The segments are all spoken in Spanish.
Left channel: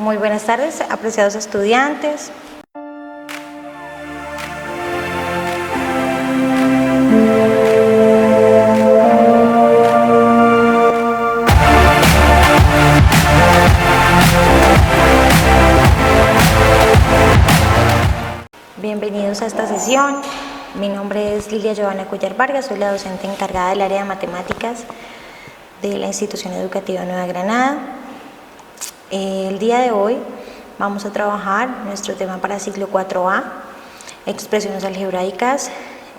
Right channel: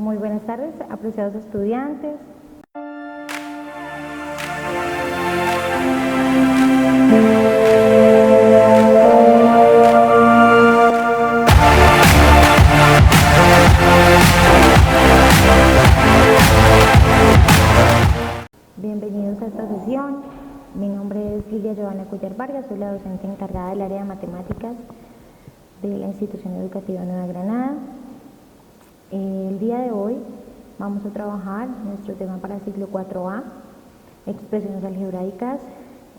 Muy buenas tardes, apreciados estudiantes. Bienvenidos a esta sesión. Mi nombre es Lilia Giovanna Cuellar Vargas, soy la docente encargada del área de matemáticas de la institución educativa Nueva Granada. El día de hoy vamos a trabajar nuestro tema para ciclo 4A, expresiones algebraicas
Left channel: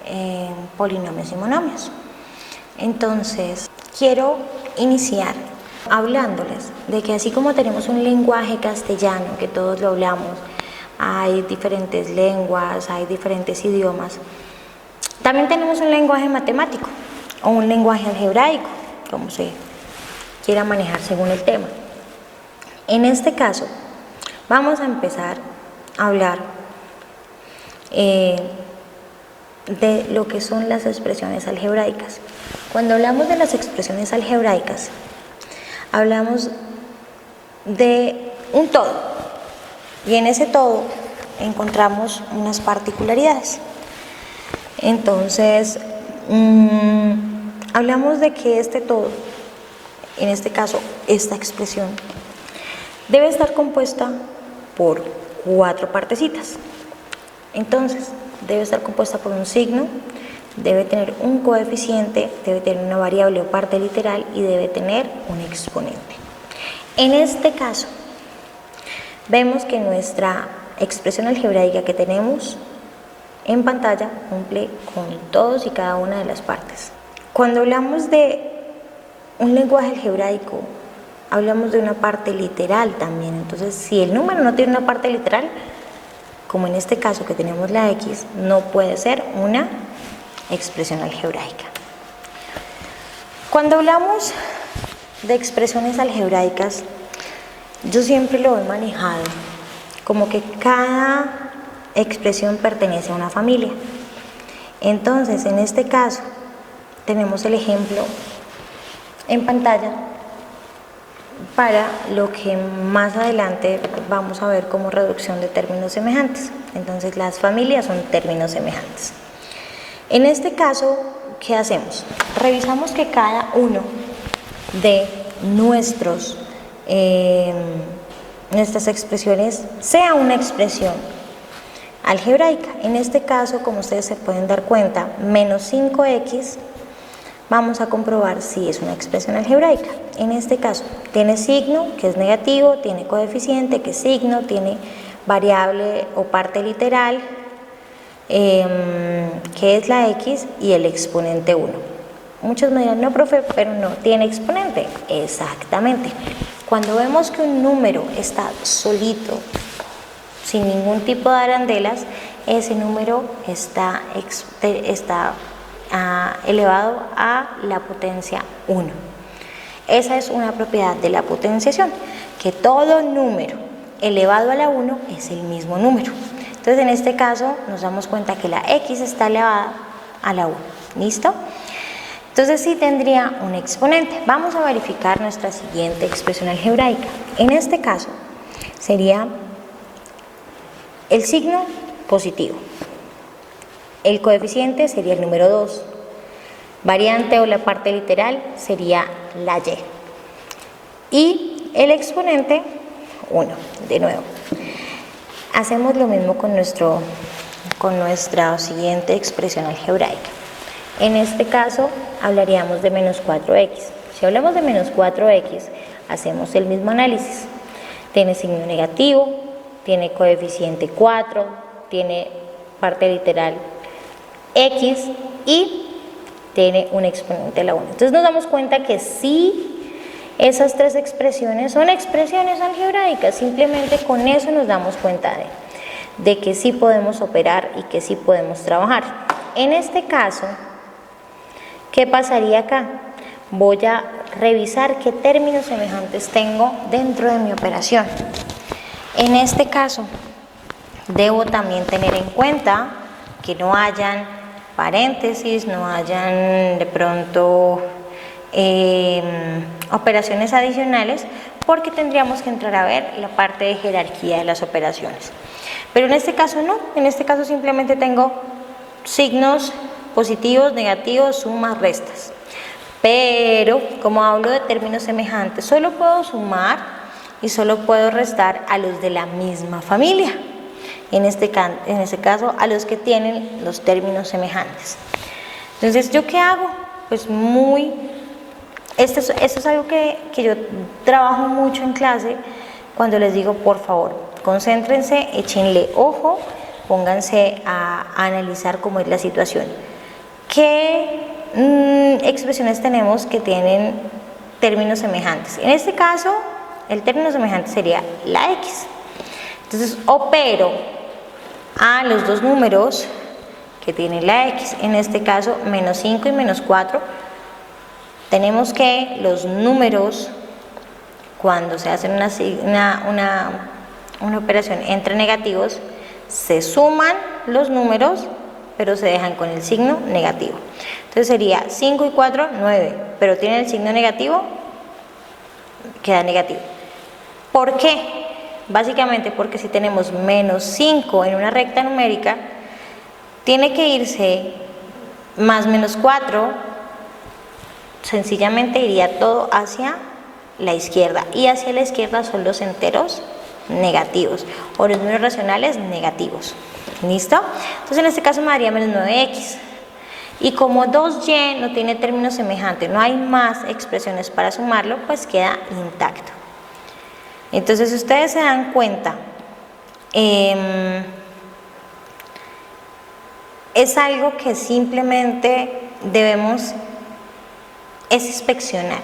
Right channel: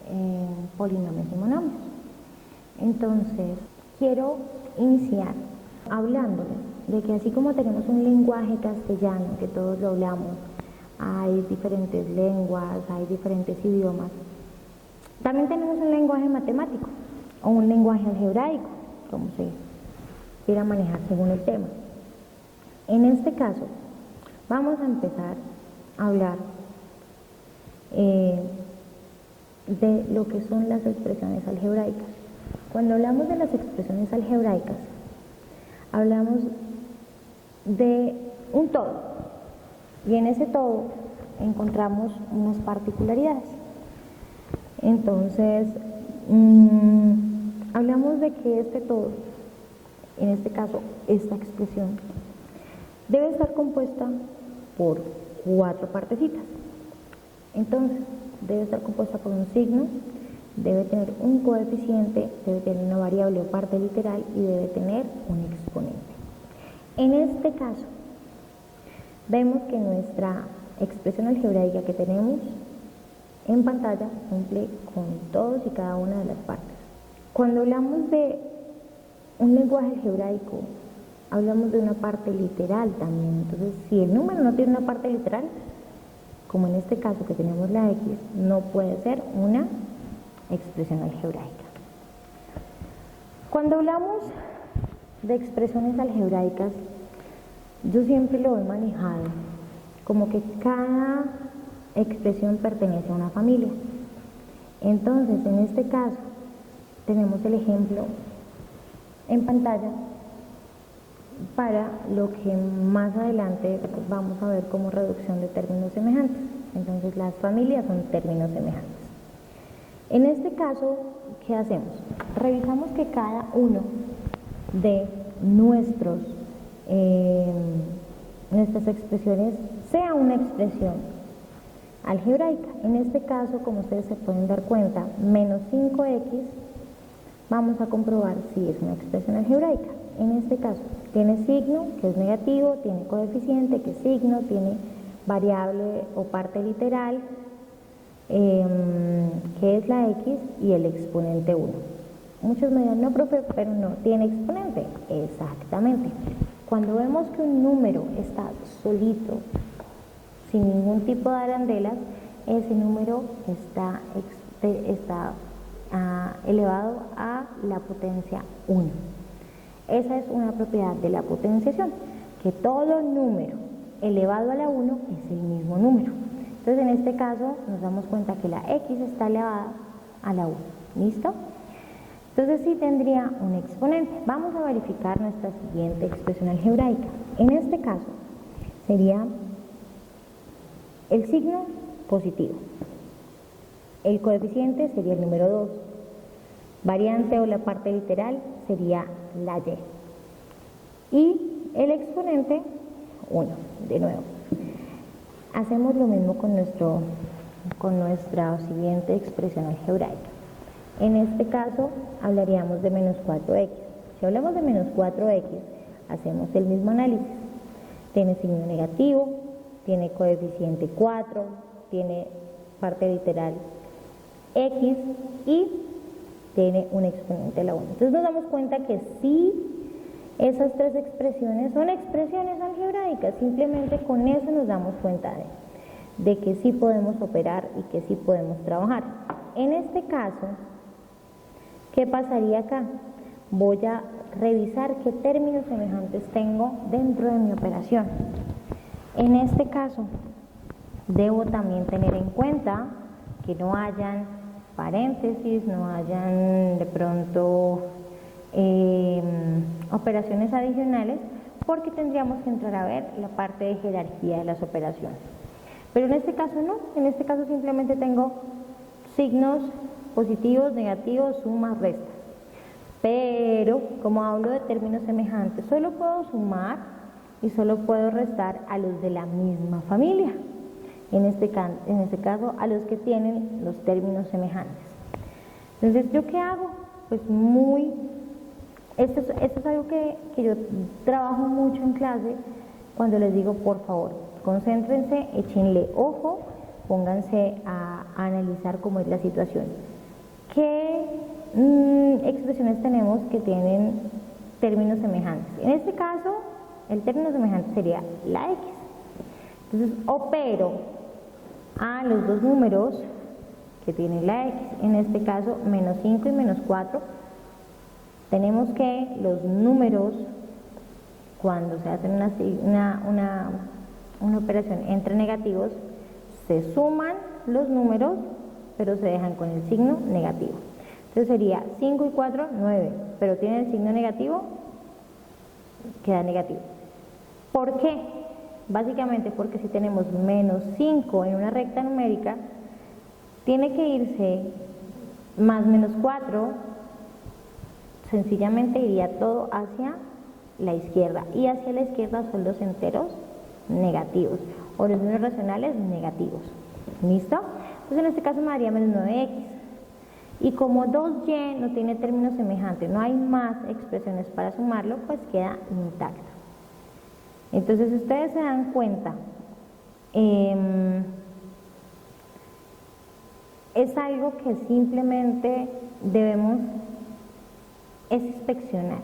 en polinomios y monomios. Entonces, quiero iniciar hablándoles de que así como tenemos un lenguaje castellano, que todos lo hablamos, hay diferentes lenguas, hay diferentes idiomas, también tenemos un lenguaje matemático o un lenguaje algebraico, como se quiera manejar según el tema. En este caso, vamos a empezar a hablar de lo que son las expresiones algebraicas. Cuando hablamos de las expresiones algebraicas, hablamos de un todo, y en ese todo encontramos unas particularidades. Entonces, hablamos de que este todo, en este caso esta expresión, debe estar compuesta por 4 partecitas. Entonces, debe estar compuesta por un signo, debe tener un coeficiente, debe tener una variable o parte literal y debe tener un exponente. En este caso, vemos que nuestra expresión algebraica que tenemos en pantalla cumple con todos y cada una de las partes. Cuando hablamos de un lenguaje algebraico, hablamos de una parte literal también. Entonces, si el número no tiene una parte literal, como en este caso que tenemos la X, no puede ser una expresión algebraica. Cuando hablamos de expresiones algebraicas, yo siempre lo he manejado como que cada expresión pertenece a una familia. Entonces, en este caso, tenemos el ejemplo en pantalla para lo que más adelante vamos a ver como reducción de términos semejantes. Entonces, las familias son términos semejantes. En este caso, ¿qué hacemos? Revisamos que cada uno de nuestras expresiones sea una expresión algebraica. En este caso, como ustedes se pueden dar cuenta, menos 5x, vamos a comprobar si es una expresión algebraica. En este caso, tiene signo, que es negativo, tiene coeficiente, que es signo, tiene variable o parte literal, que es la x, y el exponente 1. Muchos me dirán, no, profe, pero no tiene exponente. Exactamente. Cuando vemos que un número está solito, sin ningún tipo de arandelas, ese número está elevado a la potencia 1. Esa es una propiedad de la potenciación, que todo número elevado a la 1 es el mismo número. Entonces, en este caso, nos damos cuenta que la x está elevada a la 1. ¿Listo? Entonces, sí tendría un exponente. Vamos a verificar nuestra siguiente expresión algebraica. En este caso, sería el signo positivo. El coeficiente sería el número 2. Variante o la parte literal sería la y. Y el exponente, 1. De nuevo. Hacemos lo mismo con nuestra siguiente expresión algebraica. En este caso, hablaríamos de menos 4x. Si hablamos de menos 4x, hacemos el mismo análisis. Tiene signo negativo, tiene coeficiente 4, tiene parte literal x y tiene un exponente a la 1. Entonces nos damos cuenta que sí, esas 3 expresiones son expresiones algebraicas. Simplemente con eso nos damos cuenta de que sí podemos operar y que sí podemos trabajar. En este caso, ¿qué pasaría acá? Voy a revisar qué términos semejantes tengo dentro de mi operación. En este caso, debo también tener en cuenta que no hayan paréntesis, no hayan de pronto operaciones adicionales, porque tendríamos que entrar a ver la parte de jerarquía de las operaciones. Pero en este caso no, en este caso simplemente tengo signos positivos, negativos, sumas, restas. Pero como hablo de términos semejantes, solo puedo sumar y solo puedo restar a los de la misma familia. En este caso, a los que tienen los términos semejantes. Entonces, ¿yo qué hago? Pues esto es algo que yo trabajo mucho en clase cuando les digo, por favor, concéntrense, échenle ojo, pónganse a analizar cómo es la situación. ¿Qué expresiones tenemos que tienen términos semejantes? En este caso, el término semejante sería la X. Entonces, opero a los dos números que tiene la X, en este caso menos 5 y menos 4. Tenemos que los números, cuando se hace una operación entre negativos, se suman los números, pero se dejan con el signo negativo. Entonces sería 5 y 4, 9, pero tiene el signo negativo, queda negativo. ¿Por qué? Básicamente porque si tenemos menos 5 en una recta numérica, tiene que irse más menos 4, sencillamente iría todo hacia la izquierda, y hacia la izquierda son los enteros negativos o los números racionales negativos. ¿Listo? Entonces en este caso me daría menos 9x, y como 2y no tiene término semejante, no hay más expresiones para sumarlo, pues queda intacto. Entonces, si ustedes se dan cuenta, es algo que simplemente debemos inspeccionar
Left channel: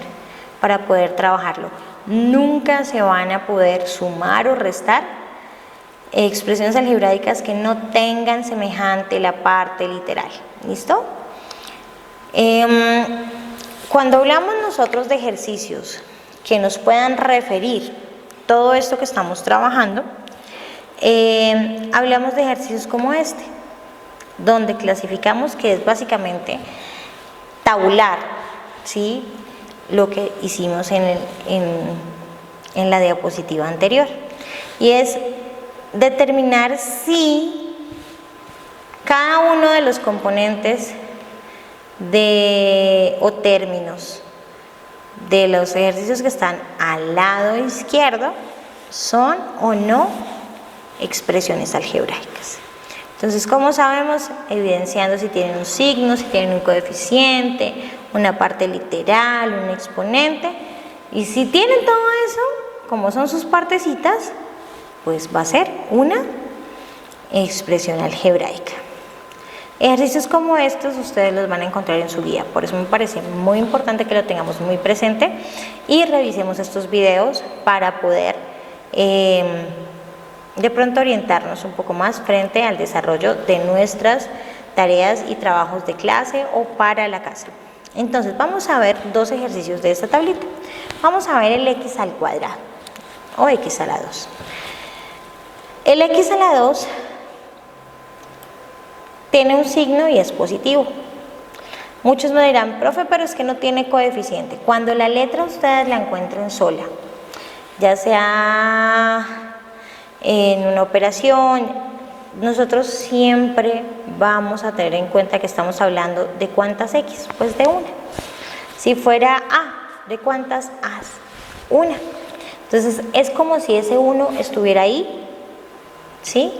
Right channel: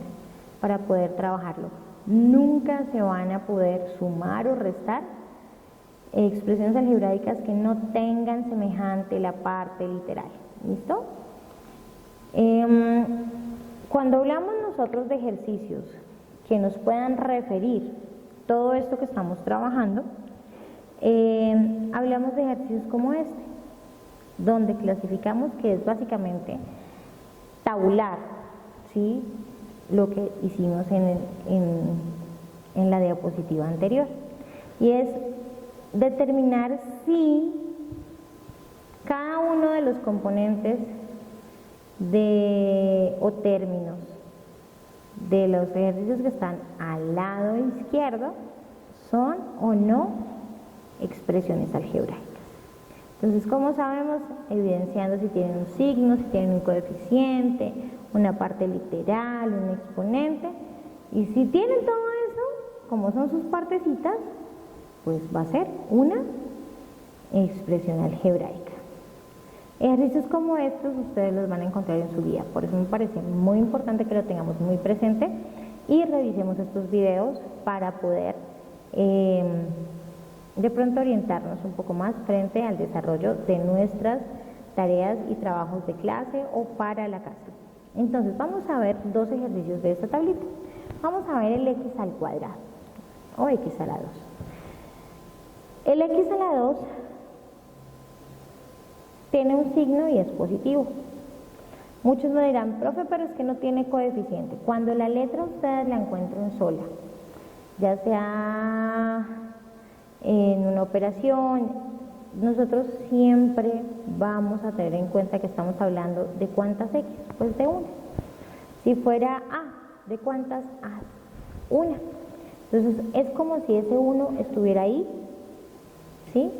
para poder trabajarlo. Nunca se van a poder sumar o restar expresiones algebraicas que no tengan semejante la parte literal. ¿Listo? Cuando hablamos nosotros de ejercicios que nos puedan referir todo esto que estamos trabajando, hablamos de ejercicios como este, donde clasificamos, que es básicamente tabular, ¿sí?, lo que hicimos en la diapositiva anterior, y es determinar si cada uno de los componentes o términos de los ejercicios que están al lado izquierdo son o no expresiones algebraicas. Entonces, ¿cómo sabemos? Evidenciando si tienen un signo, si tienen un coeficiente, una parte literal, un exponente, y si tienen todo eso, como son sus partecitas, pues va a ser una expresión algebraica. Ejercicios como estos ustedes los van a encontrar en su guía, por eso me parece muy importante que lo tengamos muy presente y revisemos estos videos para poder de pronto orientarnos un poco más frente al desarrollo de nuestras tareas y trabajos de clase o para la casa. Entonces vamos a ver dos ejercicios de esta tablita. Vamos a ver el x al cuadrado o x a la 2. El x a la 2 tiene un signo y es positivo. Muchos me dirán, profe, pero es que no tiene coeficiente. Cuando la letra ustedes la encuentren sola, ya sea en una operación, nosotros siempre vamos a tener en cuenta que estamos hablando de cuántas x, pues de una. Si fuera a, ¿de cuántas as? Una. Entonces es como si ese 1 estuviera ahí, ¿sí?,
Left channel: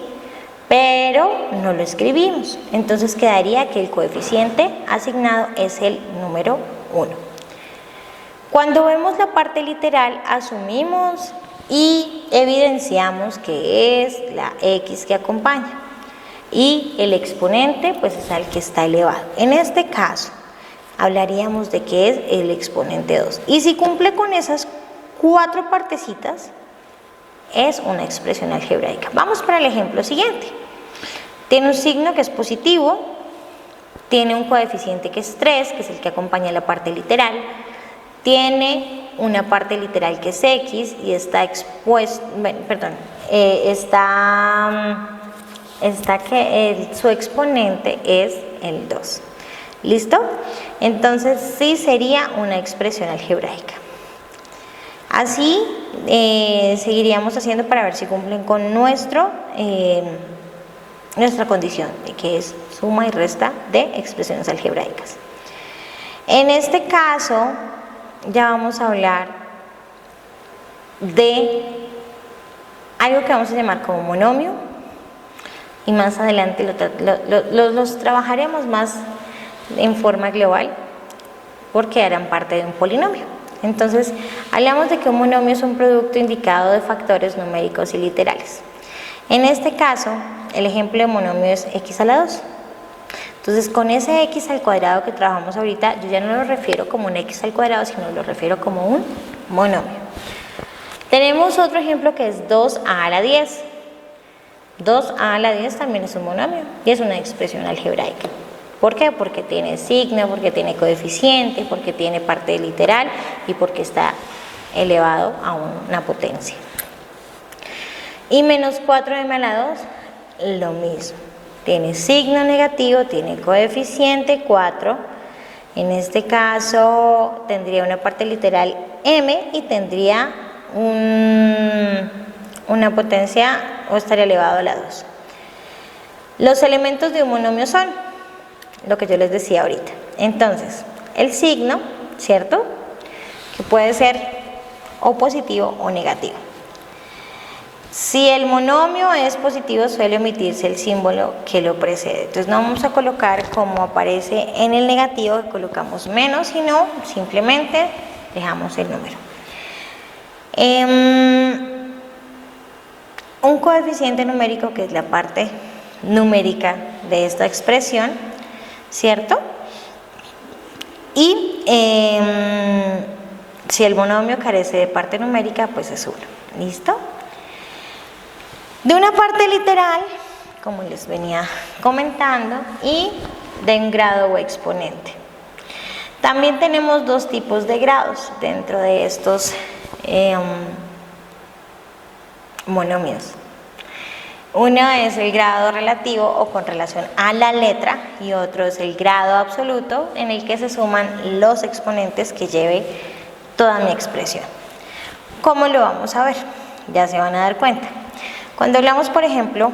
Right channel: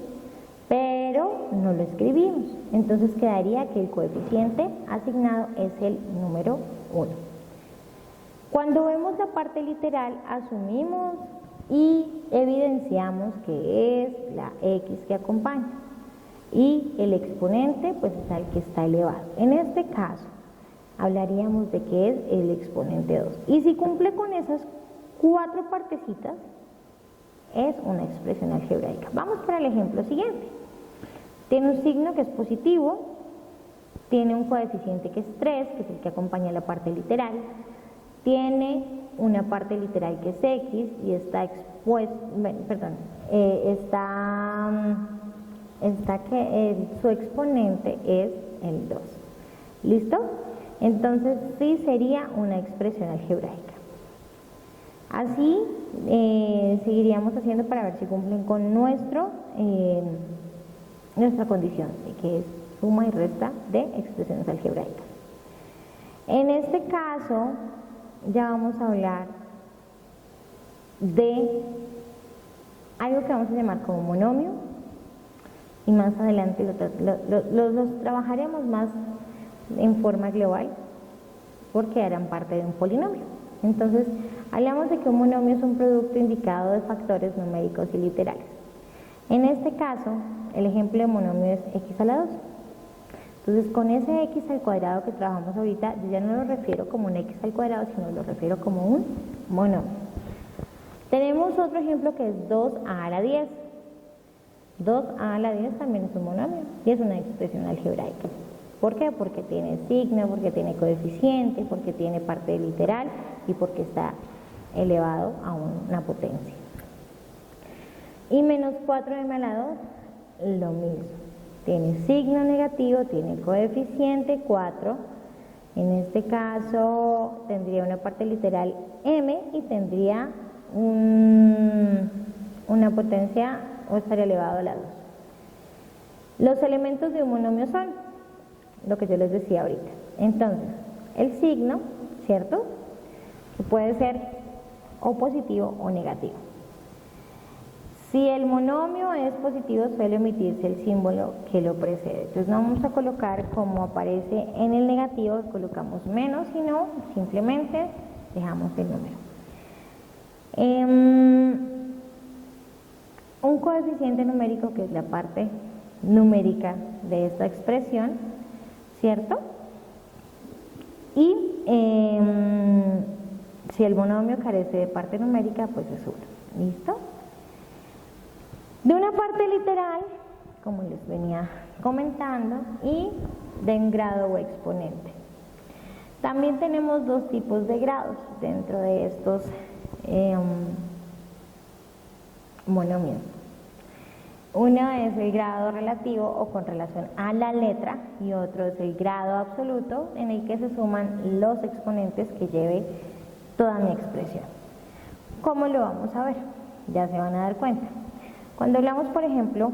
pero no lo escribimos. Entonces quedaría que el coeficiente asignado es el número 1. Cuando vemos la parte literal, asumimos y evidenciamos que es la x que acompaña, y el exponente pues es el que está elevado. En este caso hablaríamos de que es el exponente 2, y si cumple con esas 4 partecitas es una expresión algebraica. Vamos para el ejemplo siguiente. Tiene un signo que es positivo, tiene un coeficiente que es 3, que es el que acompaña la parte literal, tiene una parte literal que es x y está expuesto, su exponente es el 2. ¿Listo? Entonces sí sería una expresión algebraica. Así seguiríamos haciendo para ver si cumplen con nuestra condición, de que es suma y resta de expresiones algebraicas. En este caso ya vamos a hablar de algo que vamos a llamar como monomio, y más adelante los trabajaremos más en forma global porque harán parte de un polinomio. Entonces, hablamos de que un monomio es un producto indicado de factores numéricos y literales. En este caso, el ejemplo de monomio es x a la 2. Entonces, con ese x al cuadrado que trabajamos ahorita, yo ya no lo refiero como un x al cuadrado, sino lo refiero como un monomio. Tenemos otro ejemplo que es 2a a la 10. 2a a la 10 también es un monomio y es una expresión algebraica. ¿Por qué? Porque tiene signo, porque tiene coeficiente, porque tiene parte literal y porque está elevado a una potencia. Y menos 4m a la 2, lo mismo. Tiene signo negativo, tiene coeficiente 4. En este caso tendría una parte literal m y tendría una potencia o estaría elevado a la 2. Los elementos de un monomio son lo que yo les decía ahorita. Entonces, el signo, ¿cierto? Que puede ser o positivo o negativo. Si el monomio es positivo, suele omitirse el símbolo que lo precede. Entonces, no vamos a colocar como aparece en el negativo, que colocamos menos, sino simplemente dejamos el número. Un coeficiente numérico, que es la parte numérica de esta expresión, ¿cierto? Y si el monomio carece de parte numérica, pues es 1. ¿Listo? De una parte literal, como les venía comentando, y de un grado o exponente. También tenemos dos tipos de grados dentro de estos monomios. Uno es el grado relativo o con relación a la letra y otro es el grado absoluto en el que se suman los exponentes que lleve toda mi expresión. ¿Cómo lo vamos a ver? Ya se van a dar cuenta. Cuando hablamos, por ejemplo,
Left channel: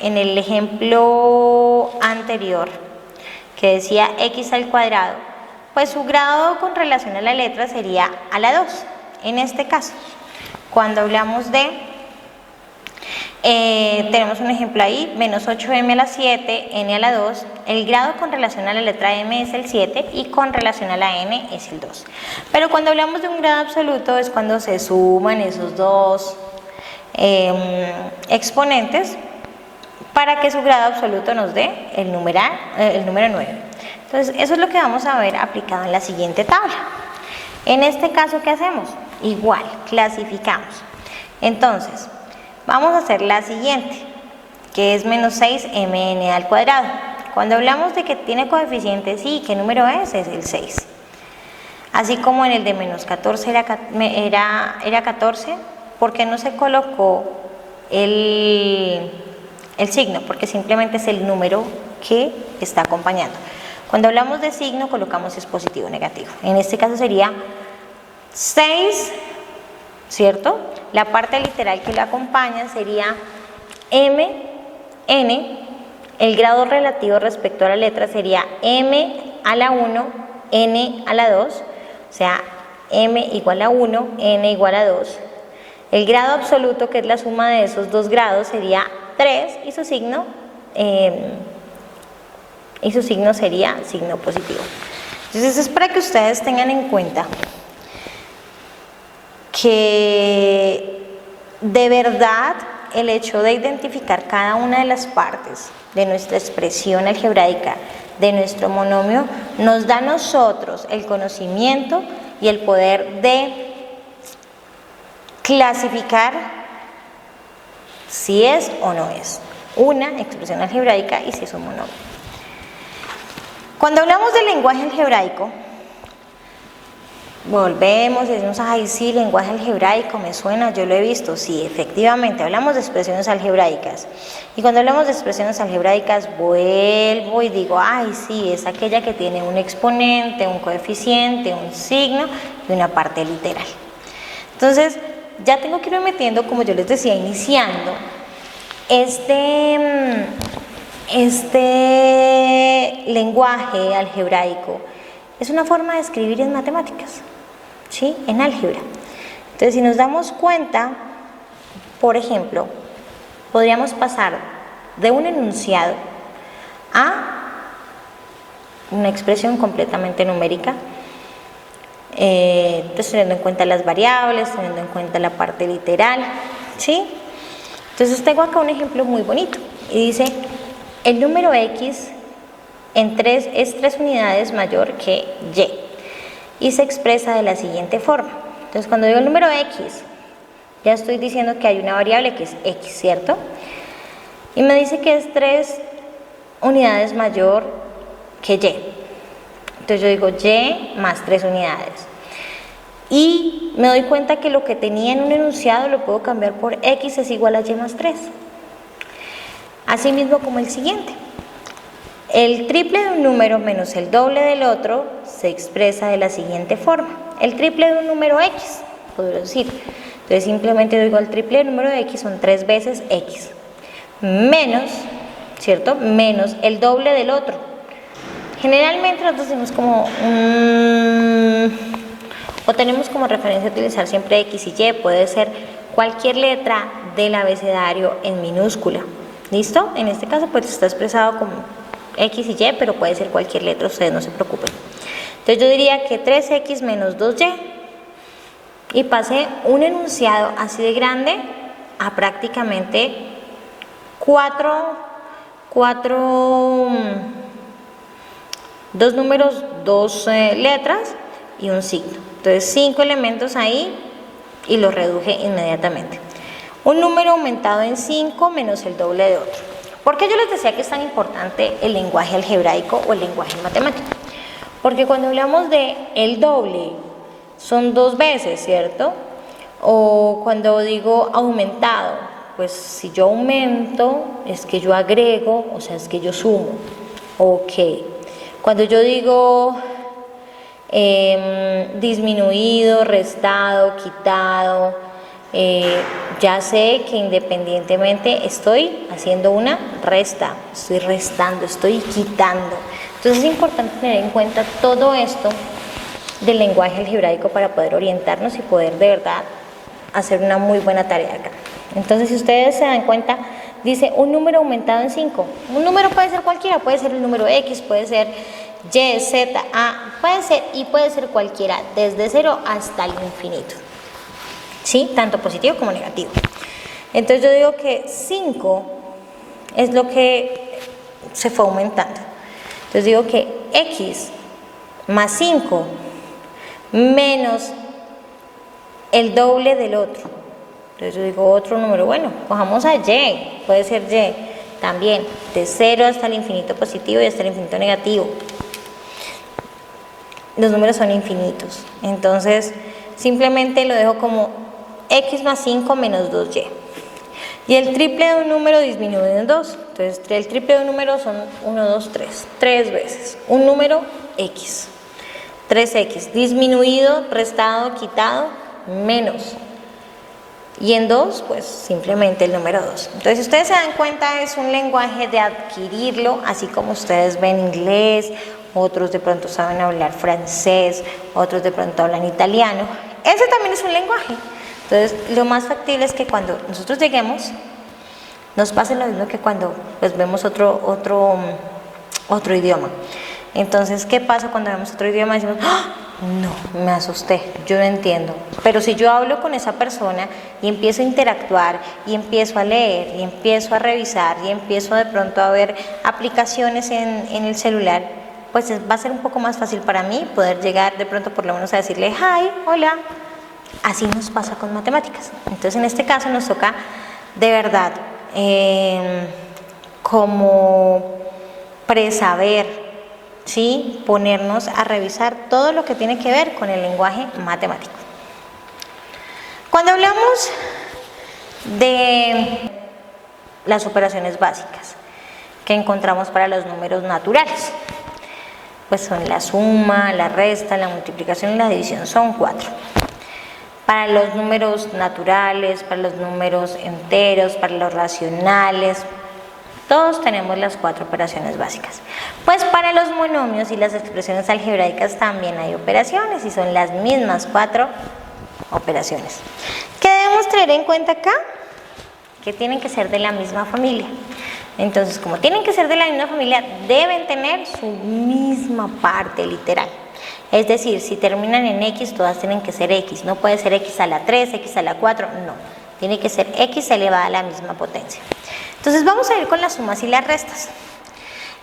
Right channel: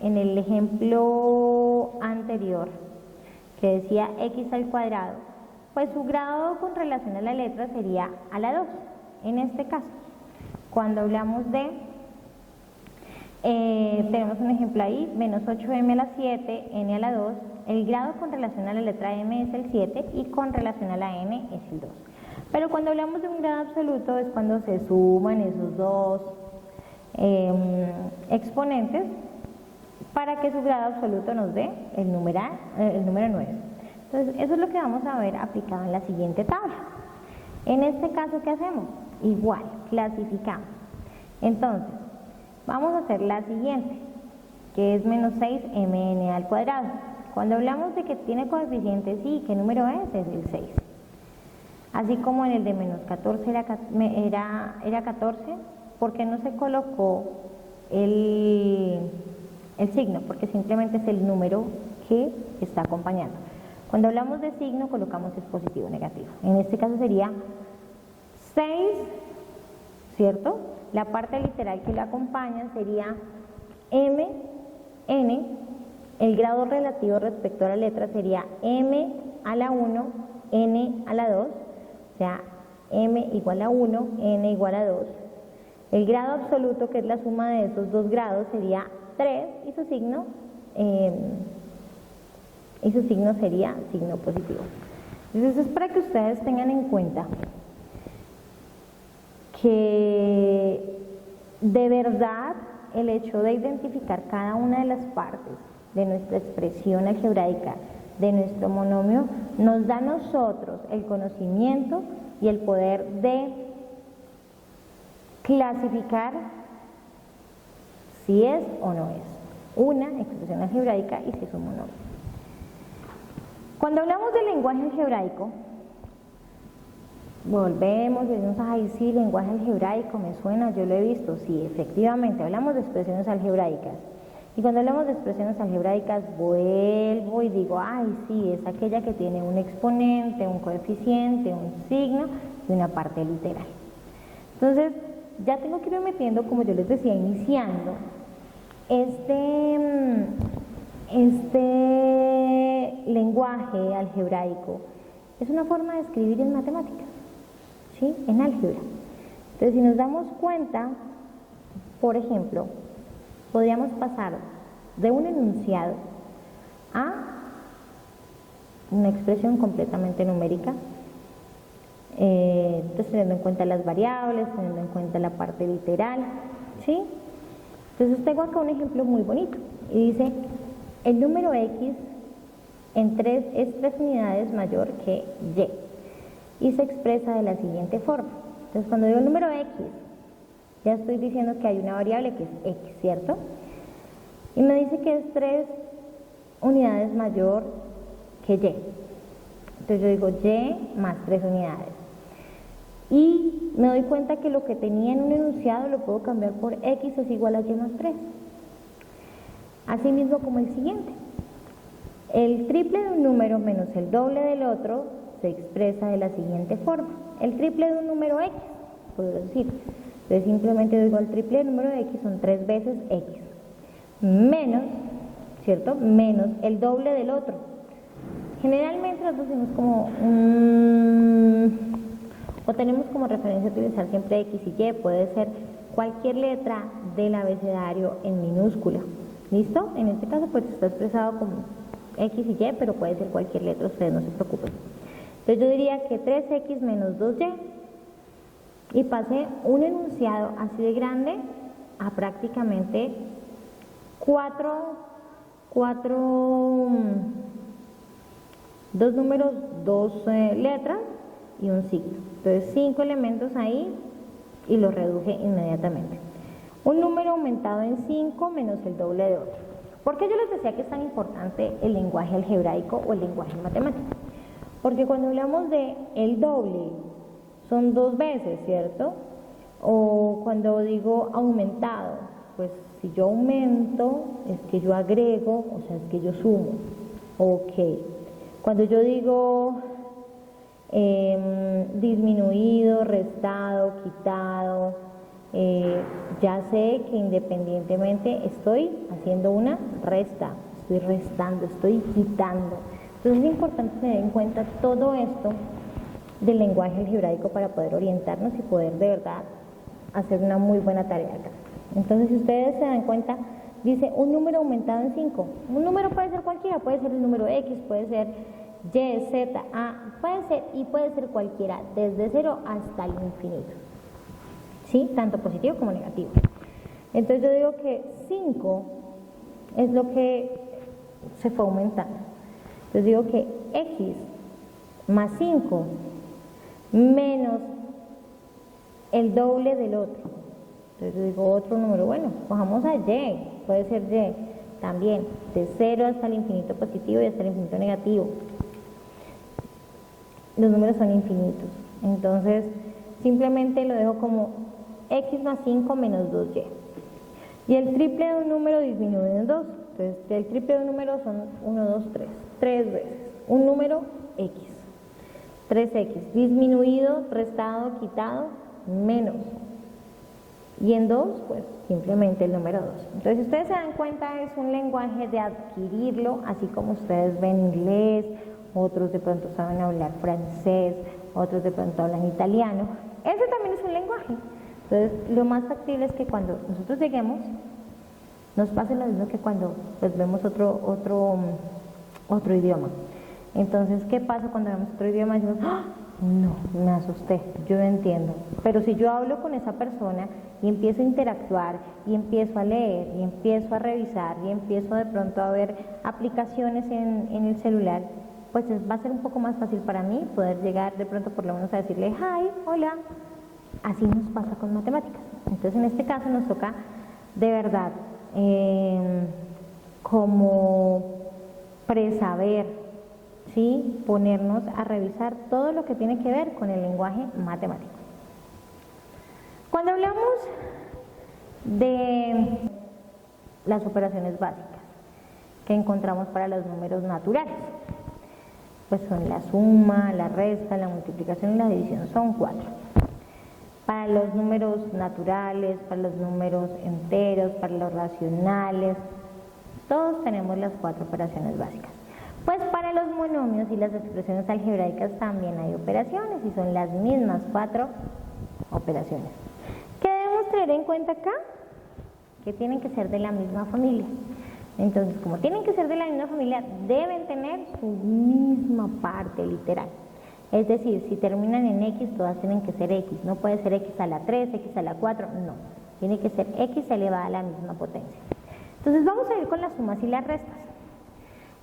en el ejemplo anterior que decía x al cuadrado, pues su grado con relación a la letra sería a la 2. En este caso, cuando hablamos de tenemos un ejemplo ahí, menos 8m a la 7, n a la 2, el grado con relación a la letra m es el 7 y con relación a la n es el 2. Pero cuando hablamos de un grado absoluto es cuando se suman esos dos exponentes para que su grado absoluto nos dé el número 9. Entonces, eso es lo que vamos a ver aplicado en la siguiente tabla. En este caso, ¿qué hacemos? Igual, clasificamos. Entonces, vamos a hacer la siguiente, que es menos 6mn al cuadrado. Cuando hablamos de que tiene coeficientes, sí, ¿qué número es? Es el 6. Así como en el de menos 14 era 14, ¿por qué no se colocó el signo? Porque simplemente es el número que está acompañando. Cuando hablamos de signo, colocamos si es positivo o negativo. En este caso sería 6, ¿cierto? La parte literal que lo acompaña sería m, n, el grado relativo respecto a la letra sería m a la 1, n a la 2, o sea, m igual a 1, n igual a 2. El grado absoluto, que es la suma de esos dos grados, sería 3 y su signo sería signo positivo. Entonces, eso es para que ustedes tengan en cuenta que de verdad el hecho de identificar cada una de las partes de nuestra expresión algebraica, de nuestro monomio, nos da a nosotros el conocimiento y el poder de clasificar si es o no es una expresión algebraica y si es un monomio. Cuando hablamos del lenguaje algebraico, volvemos y decimos, ay, sí, lenguaje algebraico, me suena, yo lo he visto. Sí, efectivamente, hablamos de expresiones algebraicas. Y cuando hablamos de expresiones algebraicas, vuelvo y digo, ay, sí, es aquella que tiene un exponente, un coeficiente, un signo y una parte literal. Entonces, ya tengo que irme metiendo, como yo les decía, iniciando este lenguaje algebraico. Es una forma de escribir en matemáticas, ¿sí? En álgebra. Entonces, si nos damos cuenta, por ejemplo, podríamos pasar de un enunciado a una expresión completamente numérica, entonces teniendo en cuenta las variables, teniendo en cuenta la parte literal, ¿sí? Entonces tengo acá un ejemplo muy bonito y dice, el número X es 3 unidades mayor que Y y se expresa de la siguiente forma. Entonces cuando digo el número X, ya estoy diciendo que hay una variable que es X, ¿cierto? Y me dice que es 3 unidades mayor que Y. Entonces yo digo Y más 3 unidades. Y me doy cuenta que lo que tenía en un enunciado lo puedo cambiar por X es igual a Y más 3. Asimismo como el siguiente. El triple de un número menos el doble del otro se expresa de la siguiente forma. El triple de un número X, podría decir. Entonces simplemente digo el triple del número de X son 3 veces X. Menos, ¿cierto? Menos el doble del otro. Generalmente nosotros decimos como o tenemos como referencia utilizar siempre X y Y, puede ser cualquier letra del abecedario en minúscula. ¿Listo? En este caso pues está expresado como X y Y, pero puede ser cualquier letra, ustedes no se preocupen. Entonces yo diría que 3X menos 2Y y pasé un enunciado así de grande a prácticamente 2 números, 2 letras y un signo. Entonces 5 elementos ahí y los reduje inmediatamente. Un número aumentado en 5 menos el doble de otro. ¿Por qué yo les decía que es tan importante el lenguaje algebraico o el lenguaje matemático? Porque cuando hablamos de el doble son 2 veces, ¿cierto? O cuando digo aumentado, pues si yo aumento es que yo agrego, o sea, es que yo sumo. Ok. Cuando yo digo disminuido, restado, quitado, ya sé que independientemente estoy haciendo una resta, estoy restando, estoy quitando. Entonces es importante tener en cuenta todo esto del lenguaje algebraico para poder orientarnos y poder de verdad hacer una muy buena tarea acá. Entonces si ustedes se dan cuenta, dice un número aumentado en 5. Un número puede ser cualquiera, puede ser el número X, puede ser Y, Z, A, puede ser y puede ser cualquiera, desde 0 hasta el infinito. ¿Sí? Tanto positivo como negativo. Entonces yo digo que 5 es lo que se fue aumentando. Entonces digo que X más 5 menos el doble del otro. Entonces yo digo otro número, bueno, cojamos a Y, puede ser Y también, de 0 hasta el infinito positivo y hasta el infinito negativo. Los números son infinitos, entonces simplemente lo dejo como X más 5 menos 2Y. Y el triple de un número disminuye en 2, entonces el triple de un número son 1, 2, 3, 3 veces. Un número X, 3X, disminuido, restado, quitado, menos. Y en 2, pues simplemente el número 2. Entonces, si ustedes se dan cuenta, es un lenguaje de adquirirlo, así como ustedes ven inglés, otros de pronto saben hablar francés, otros de pronto hablan italiano. Ese también es un lenguaje. Entonces, lo más factible es que cuando nosotros lleguemos, nos pase lo mismo que cuando pues, vemos otro idioma. Entonces, ¿qué pasa cuando vemos otro idioma y decimos, ¡ah! No, me asusté, yo no entiendo? Pero si yo hablo con esa persona y empiezo a interactuar y empiezo a leer y empiezo a revisar y empiezo de pronto a ver aplicaciones en el celular, pues va a ser un poco más fácil para mí poder llegar de pronto por lo menos a decirle hi, hola. Así nos pasa con matemáticas. Entonces en este caso nos toca de verdad como presaber, ¿sí? Ponernos a revisar todo lo que tiene que ver con el lenguaje matemático. Cuando hablamos de las operaciones básicas que encontramos para los números naturales, pues son la suma, la resta, la multiplicación y la división, son 4. Para los números naturales, para los números enteros, para los racionales, todos tenemos las 4 operaciones básicas. Pues para los monomios y las expresiones algebraicas también hay operaciones y son las mismas 4 operaciones. ¿Qué debemos tener en cuenta acá? Que tienen que ser de la misma familia. Entonces, como tienen que ser de la misma familia, deben tener su misma parte literal. Es decir, si terminan en X, todas tienen que ser X. No puede ser X a la 3, X a la 4, no. Tiene que ser X elevada a la misma potencia. Entonces, vamos a ir con las sumas y las restas.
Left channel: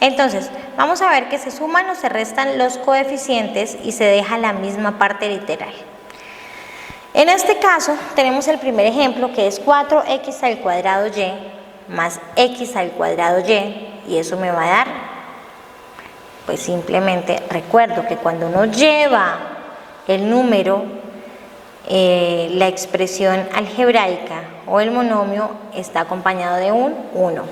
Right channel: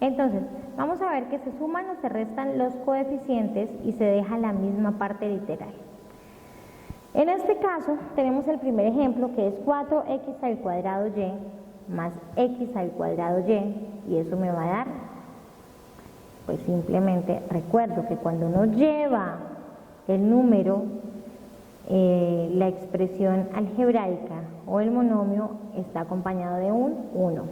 Entonces, vamos a ver que se suman o se restan los coeficientes y se deja la misma parte literal. En este caso, tenemos el primer ejemplo, que es 4x al cuadrado y más x al cuadrado y eso me va a dar, pues simplemente recuerdo que cuando uno lleva el número, la expresión algebraica o el monomio está acompañado de un 1.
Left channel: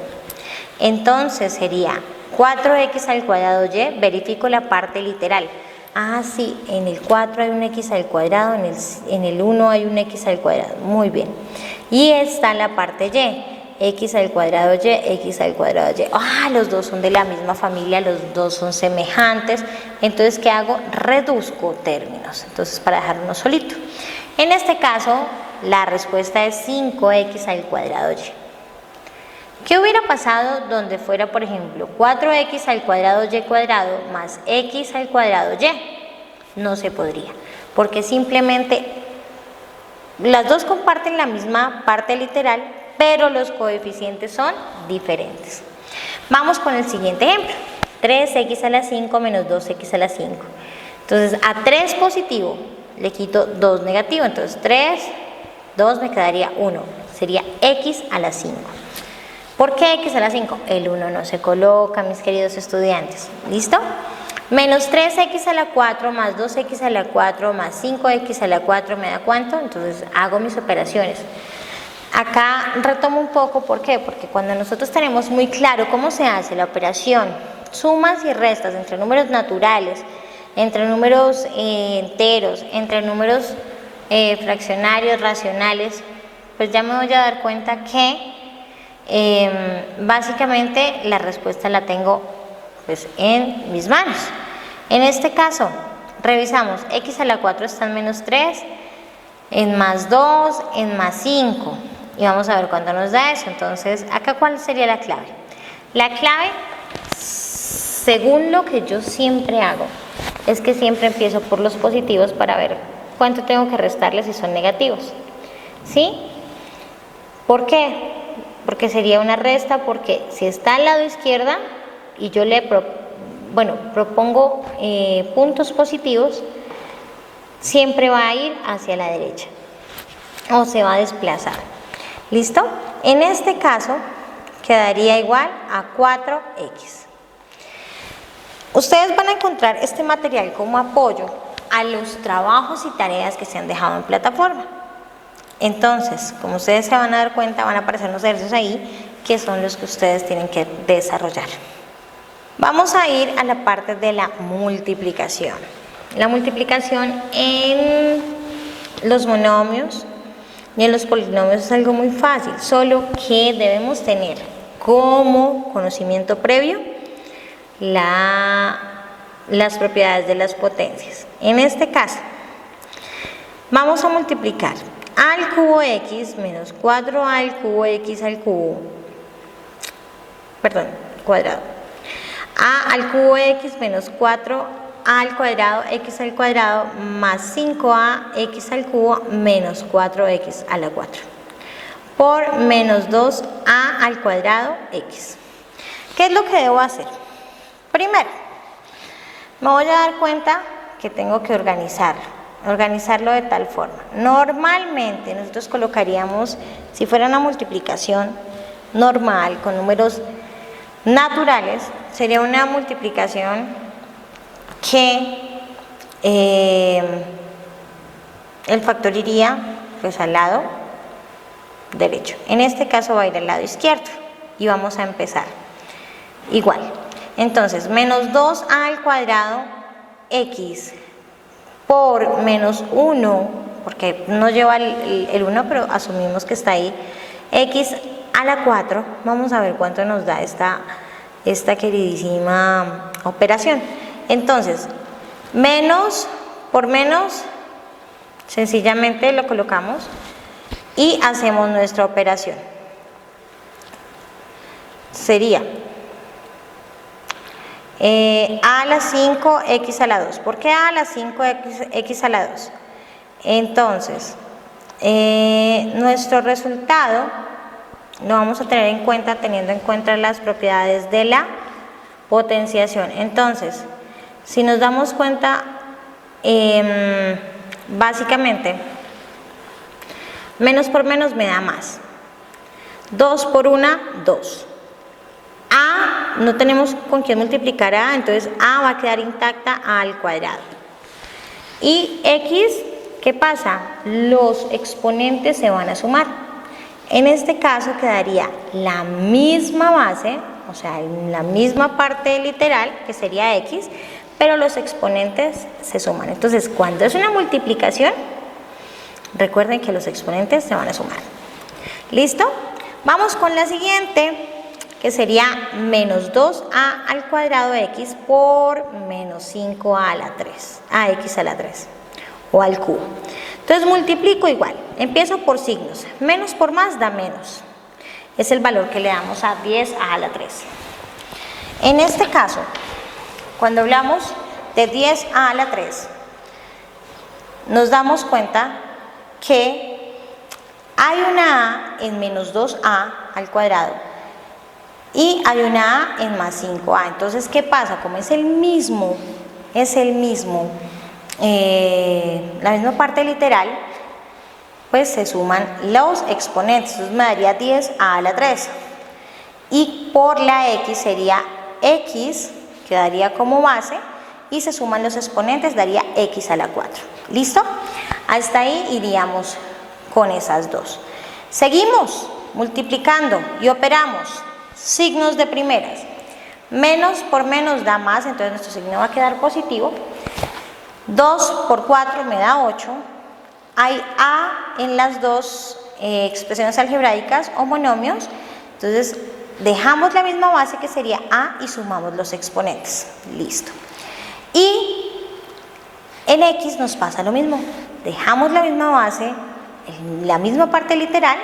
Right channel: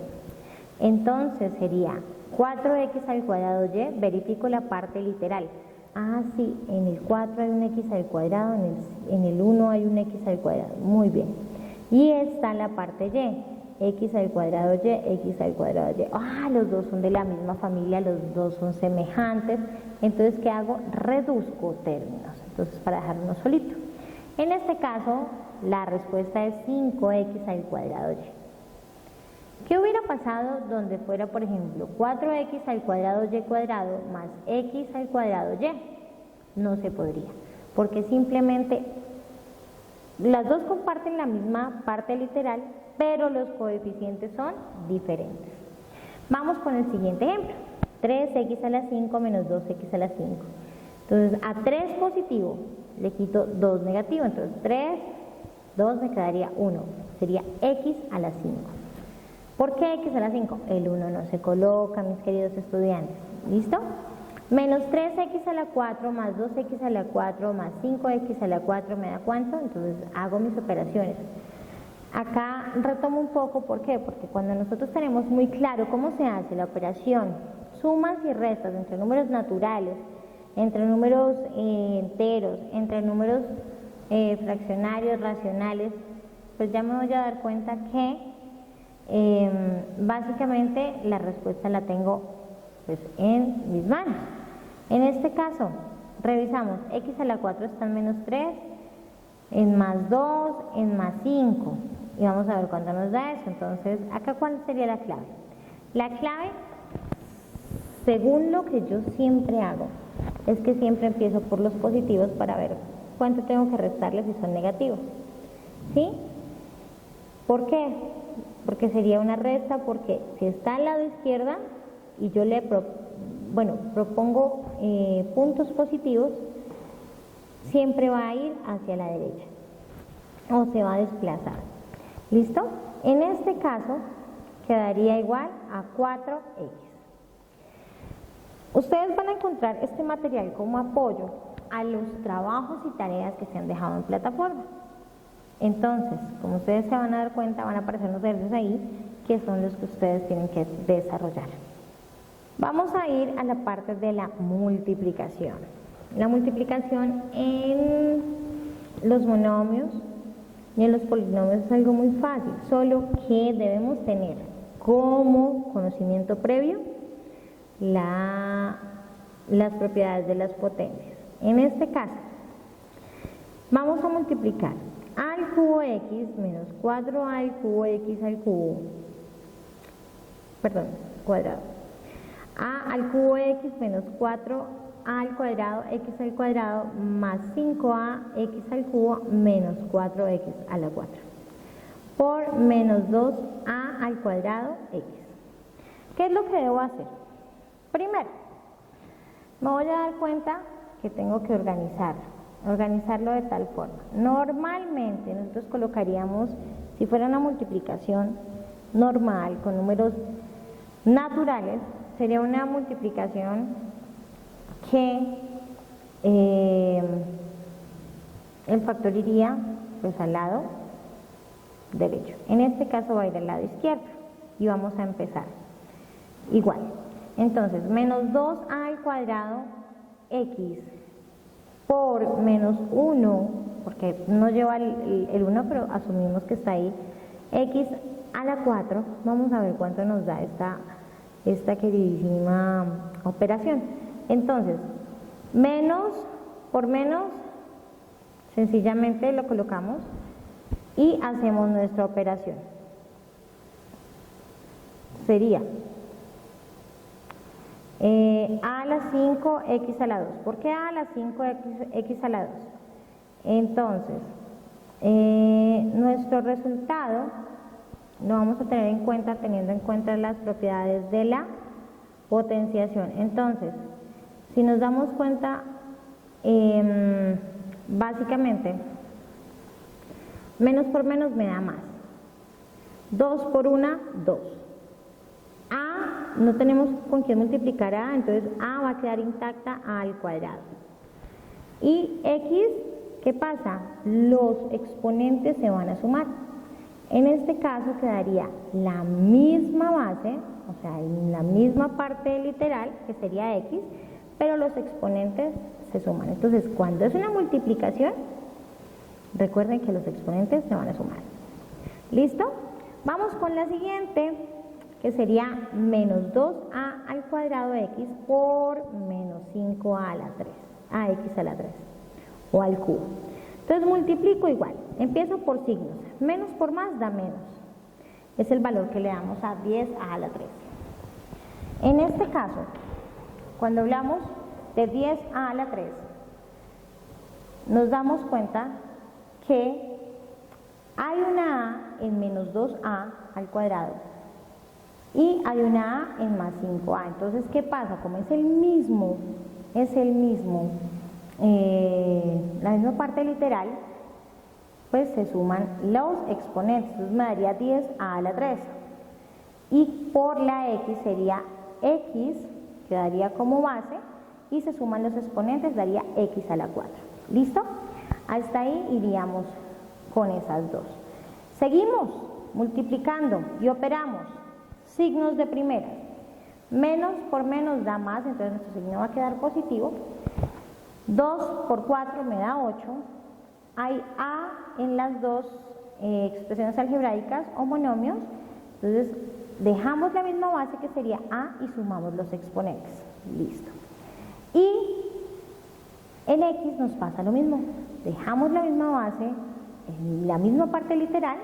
Entonces sería 4x al cuadrado y, verifico la parte literal. Ah, sí, en el 4 hay un x al cuadrado, en el 1 hay un x al cuadrado, muy bien. Y está la parte y, x al cuadrado y, x al cuadrado y. Ah, los dos son de la misma familia, los dos son semejantes. Entonces, ¿qué hago? Reduzco términos, entonces para dejar uno solito. En este caso, la respuesta es 5x al cuadrado y. ¿Qué hubiera pasado donde fuera, por ejemplo, 4x al cuadrado y cuadrado más x al cuadrado y? No se podría, porque simplemente las dos comparten la misma parte literal, pero los coeficientes son diferentes. Vamos con el siguiente ejemplo. 3x a la 5 menos 2x a la 5. Entonces, a 3 positivo le quito 2 negativo, entonces 3, 2 me quedaría 1. Sería x a la 5. ¿Por qué x a la 5? El 1 no se coloca, mis queridos estudiantes. ¿Listo? Menos 3x a la 4 más 2x a la 4 más 5x a la 4 me da ¿cuánto? Entonces hago mis operaciones. Acá retomo un poco, ¿por qué? Porque cuando nosotros tenemos muy claro cómo se hace la operación, sumas y restas entre números naturales, entre números enteros, entre números fraccionarios, racionales, pues ya me voy a dar cuenta que básicamente la respuesta la tengo pues en mis manos. En este caso revisamos, x a la 4 está en menos 3, en más 2, en más 5 y vamos a ver cuánto nos da eso. Entonces acá, ¿cuál sería la clave? La clave, según lo que yo siempre hago, es que siempre empiezo por los positivos para ver cuánto tengo que restarles si son negativos, ¿sí? ¿Por qué? Porque sería una resta, porque si está al lado izquierda y yo le propongo puntos positivos, siempre va a ir hacia la derecha o se va a desplazar. ¿Listo? En este caso quedaría igual a 4x. Ustedes van a encontrar este material como apoyo a los trabajos y tareas que se han dejado en plataforma. Entonces, como ustedes se van a dar cuenta, van a aparecer unos ejercicios ahí que son los que ustedes tienen que desarrollar. Vamos a ir a la parte de la multiplicación. La multiplicación en los monomios y en los polinomios es algo muy fácil, solo que debemos tener como conocimiento previo las propiedades de las potencias. En este caso, vamos a multiplicar a al cubo x menos 4a al cubo x al cubo, cuadrado, a al cubo x menos 4a al cuadrado x al cuadrado más 5a x al cubo menos 4x a la 4 por menos 2a al cuadrado x. ¿Qué es lo que debo hacer? Primero, me voy a dar cuenta que tengo que organizarlo de tal forma. Normalmente nosotros colocaríamos, si fuera una multiplicación normal con números naturales, sería una multiplicación que el factor iría pues al lado derecho. En este caso va a ir al lado izquierdo y vamos a empezar igual. Entonces, menos 2a al cuadrado x por menos 1, porque no lleva el 1, pero asumimos que está ahí, x a la 4, vamos a ver cuánto nos da esta queridísima operación. Entonces, menos por menos, sencillamente lo colocamos y hacemos nuestra operación. Sería a a la 5, x a la 2. ¿Por qué a la 5, x a la 2? Entonces, nuestro resultado lo vamos a tener en cuenta teniendo en cuenta las propiedades de la potenciación. Entonces, si nos damos cuenta, básicamente, menos por menos me da más. 2 por 1, 2. A, no tenemos con quién multiplicar a, entonces a va a quedar intacta, a al cuadrado. Y x, ¿qué pasa? Los exponentes se van a sumar. En este caso quedaría la misma base, o sea, la misma parte literal, que sería x, pero los exponentes se suman. Entonces, cuando es una multiplicación, recuerden que los exponentes se van a sumar. ¿Listo? Vamos con la siguiente, que sería menos 2a al cuadrado x por menos 5a a la 3, a x a la 3, o al cubo. Entonces multiplico igual, empiezo por signos, menos por más da menos, es el valor que le damos a 10a a la 3. En este caso, cuando hablamos de 10a a la 3, nos damos cuenta que hay una a en menos 2a al cuadrado y hay una a en más 5a. Entonces, ¿qué pasa? Como es el mismo, la misma parte literal, pues se suman los exponentes. Entonces me daría 10a a la 3. Y por la x sería x, quedaría como base, y se suman los exponentes, daría x a la 4. ¿Listo? Hasta ahí iríamos con esas dos. Seguimos multiplicando y operamos signos de primeras. Menos por menos da más, entonces nuestro signo va a quedar positivo. 2 por 4 me da 8. Hay a en las dos expresiones algebraicas o monomios, entonces dejamos la misma base que sería a y sumamos los exponentes. Listo. Y en x nos pasa lo mismo, dejamos la misma base, la misma parte literal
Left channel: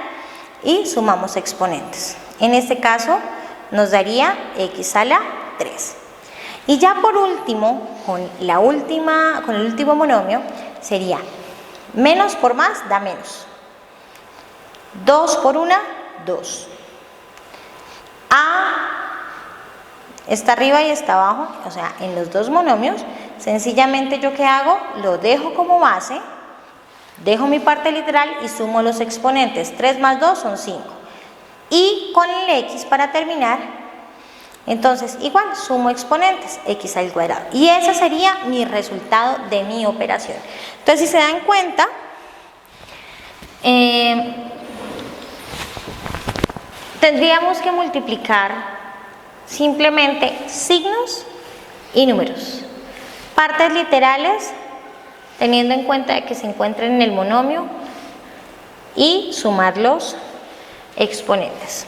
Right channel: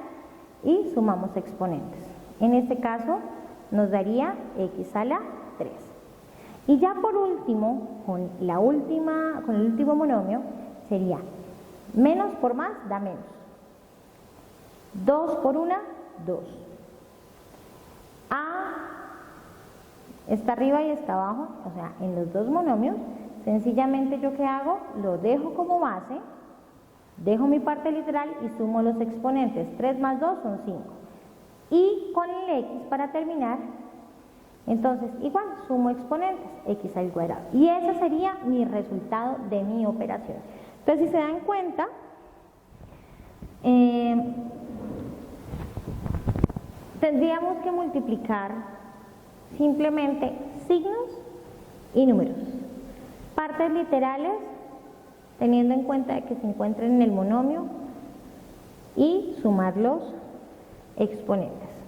y sumamos exponentes. En este caso nos daría x a la 3. Y ya por último, con el último monomio, sería menos por más da menos. 2 por 1, 2. A está arriba y está abajo, o sea, en los dos monomios, sencillamente yo ¿qué hago? Lo dejo como base, dejo mi parte literal y sumo los exponentes. 3 más 2 son 5. Y con el x para terminar, entonces igual sumo exponentes, x al cuadrado. Y ese sería mi resultado de mi operación. Entonces, si se dan cuenta, tendríamos que multiplicar simplemente signos y números. Partes literales, teniendo en cuenta que se encuentran en el monomio, y sumar los exponentes.